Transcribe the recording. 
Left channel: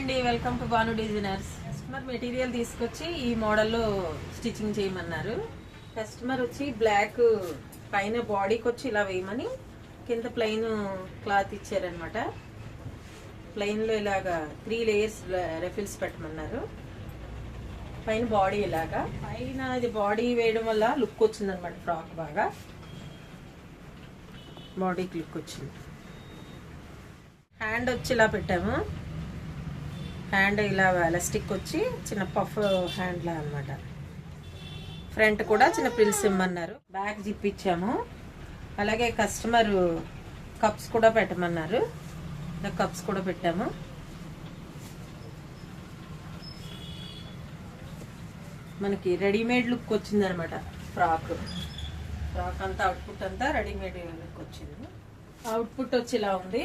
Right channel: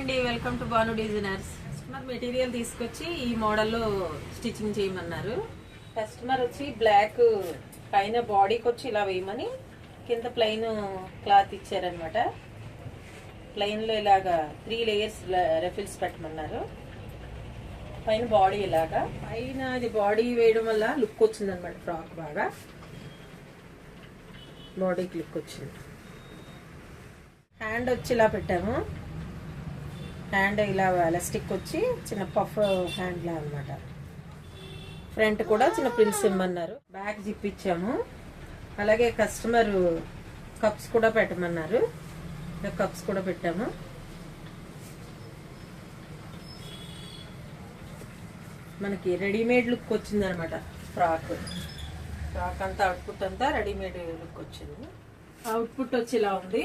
అండి, welcome to Banu designers. Customer material తీసుకొచ్చి ఈ మోడల్లో స్టిచ్చింగ్ చేయమన్నారు. కస్టమర్ వచ్చి బ్లాక్ పైన బాడీకి వచ్చి ఇలా వేయమని కింద ప్లెయిన్ క్లాత్ ఇచ్చారనమాట. ప్లెయిన్ లో ఇలాగా 3 లేయర్స్ రెఫిల్స్ పెట్టమన్నారు. పైన బాడీ ఇలాగా పైన అది బాడీ వేయడం వల్ల లుక్ వచ్చింది అనమాట. ఫ్రాక్ బాగా బాడీకి లుక్ వచ్చింది. హ్యాండ్ వచ్చి ఇలా పెట్టాము. హ్యాండ్ ఇలా ఎలాస్టిక్ వచ్చి చిన్న పఫ్ హ్యాండ్ లా అనమాట. ఫ్రంట్ కూడా చిన్న ప్రిల్స్ ఇమ్మన్నారు. బ్యాక్ జిప్ ఇచ్చాము. అలాగే కస్టమర్ కప్స్ కూడా పెట్టమన్నారు. కప్స్ కూడా పెట్టాము. మనకి రెడీమేడ్ లుక్ వచ్చింది అనమాట. ఫ్రాక్ అంతా అవుట్పుట్ అంతా రెడీమేడ్ లుక్ వచ్చింది. అవుట్పుట్ వచ్చి ఇలా ఉంది.